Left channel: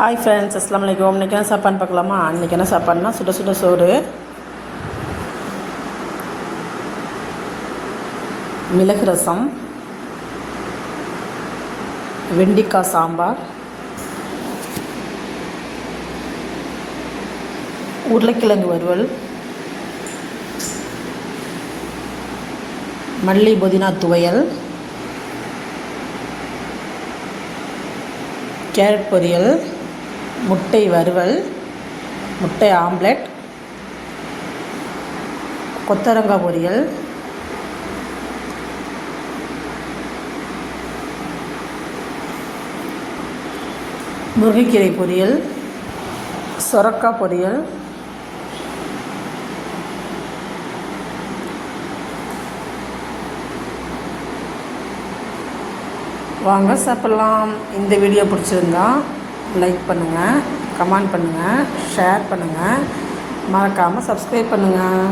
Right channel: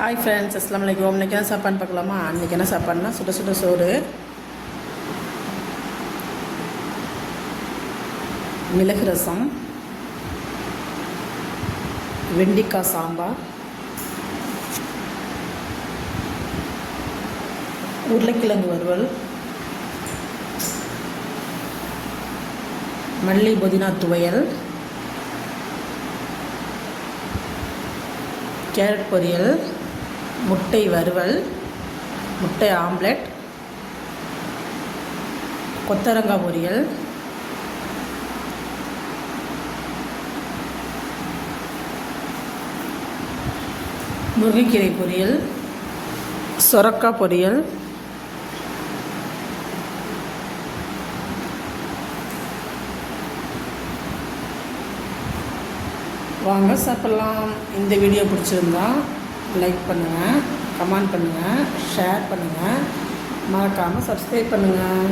Hi friends, அஸ்ஸலாமு அலைக்கும். இன்றைக்கி என்ன சாப்பாடுன்னு பார்க்கலாமா? அன்றைக்கி என்ன சாப்பாடுனா சுட சுட சோறு, மிளகு ரசம், வெண்டிக்காய் சாம்பார், உருளைக்கிழங்கு வறுவல், மல்லி புதினா துவையல், கேரட் பொரியல், முட்டை வறுவல், முட்டை ஆம்லெட், கொத்தரங்காய் பொரியல், முருங்கைக்கீரை பொரியல், சொரக்காய் பொரியல், வாங்க சாப்பிட்லாம். இந்த வீடியோ பிடிச்சிருந்தா லைக் பண்ணுங்கள், கமெண்ட் பண்ணுங்கள், ஷேர் பண்ணுங்கள், மறக்காமல் சப்ஸ்கிரைப் பண்ணுங்கள்.